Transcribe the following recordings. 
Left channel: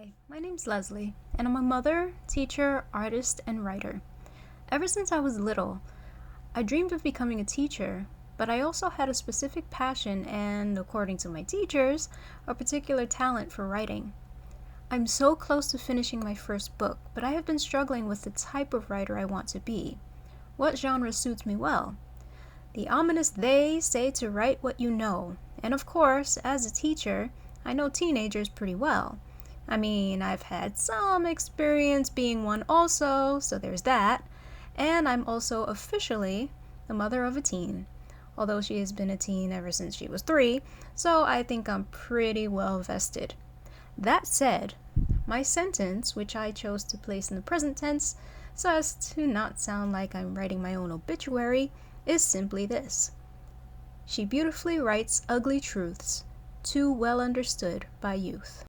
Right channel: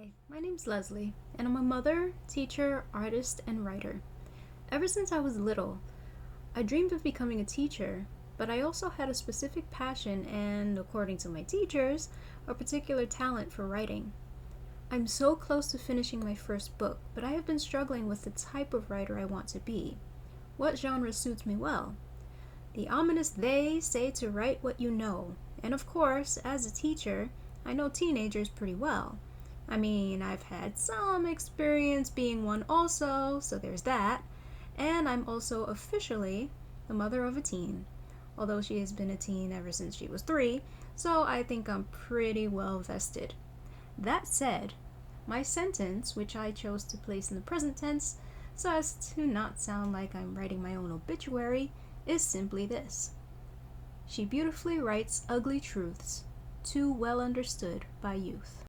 Hi, my name's Leslie, and I'm a mother, teacher, artist, and writer. Ever since I was little, I dreamed of becoming a teacher, but I also had a specific passion and, according to my teachers, a particular talent for writing. I'm so close to finishing my first book, but I have been struggling with the type of writer I want to be. What genre suits me well? The ominous they say to write what you know, and of course, as a teacher, I know teenagers pretty well. I mean, I've had some experience being one also, so there's that. And I'm also officially the mother of a teen, although she has been a teen ever since she was 3, so I think I'm pretty well vested. That said, my sentence, which I chose to place in the present tense so as to not sound like I'm writing my own obituary, is simply this: she beautifully writes ugly truths, too well understood by youth.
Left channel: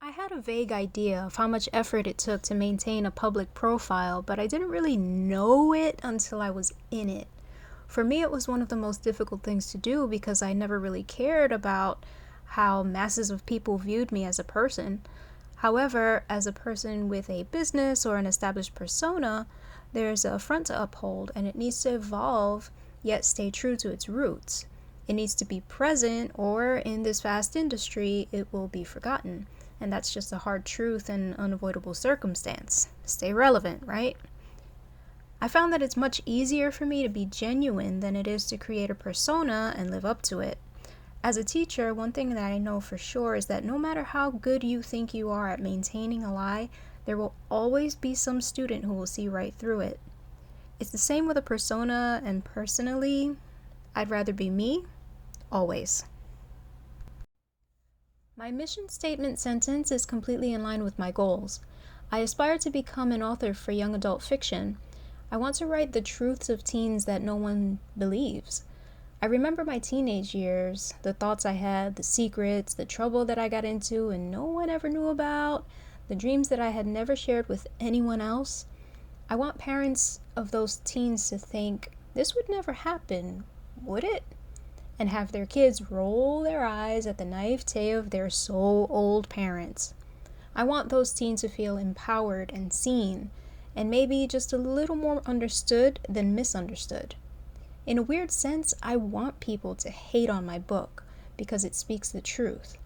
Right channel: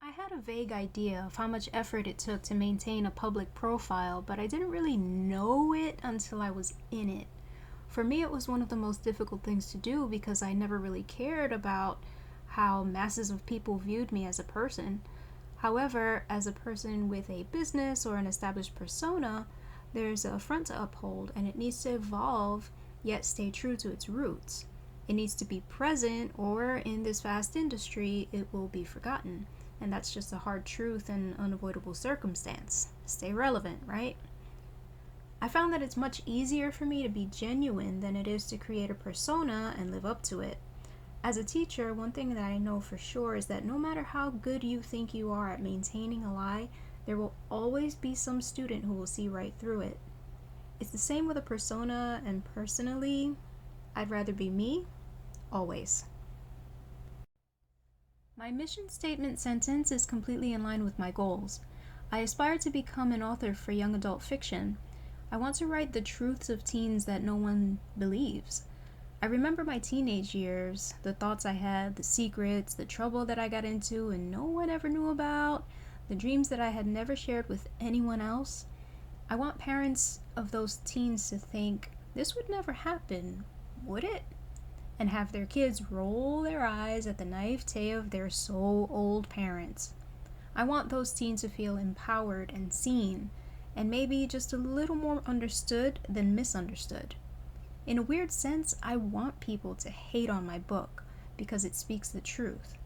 I had a vague idea of how much effort it took to maintain a public profile, but I didn't really know it until I was in it. For me, it was one of the most difficult things to do because I never really cared about how masses of people viewed me as a person. However, as a person with a business or an established persona, there's a front to uphold and it needs to evolve yet stay true to its roots. It needs to be present, or in this vast industry, it will be forgotten. And that's just a hard truth and unavoidable circumstance. Stay relevant, right? I found that it's much easier for me to be genuine than it is to create a persona and live up to it. As a teacher, one thing that I know for sure is that no matter how good you think you are at maintaining a lie, there will always be some student who will see right through it. It's the same with a persona, and personally, I'd rather be me, always. My mission statement sentence is completely in line with my goals. I aspire to become an author for young adult fiction. I want to write the truths of teens that no one believes. I remember my teenage years, the thoughts I had, the secrets, the trouble that I got into and no one ever knew about, the dreams that I had never shared with anyone else. I want parents of those teens to think, this would never happen, would it? And have their kids roll their eyes at the naivete of their so old parents. I want those teens to feel empowered and seen, and maybe just a little more understood than misunderstood. In a weird sense, I want people to hate on my book because it speaks the truth.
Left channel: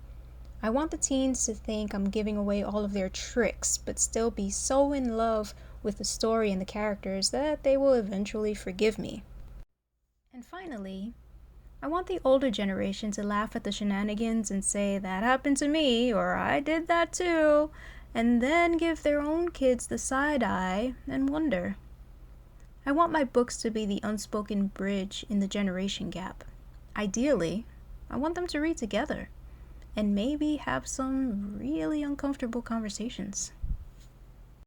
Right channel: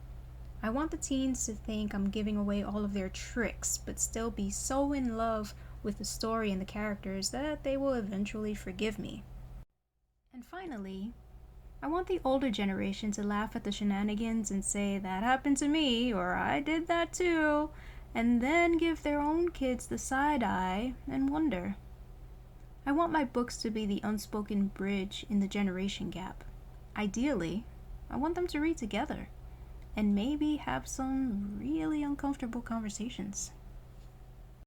I want the teens to think I'm giving away all of their tricks, but still be so in love with the story and the characters that they will eventually forgive me. And finally, I want the older generation to laugh at the shenanigans and say, that happened to me, or I did that too, and then give their own kids the side eye and wonder. I want my books to be the unspoken bridge in the generation gap. Ideally, I want them to read together and maybe have some really uncomfortable conversations.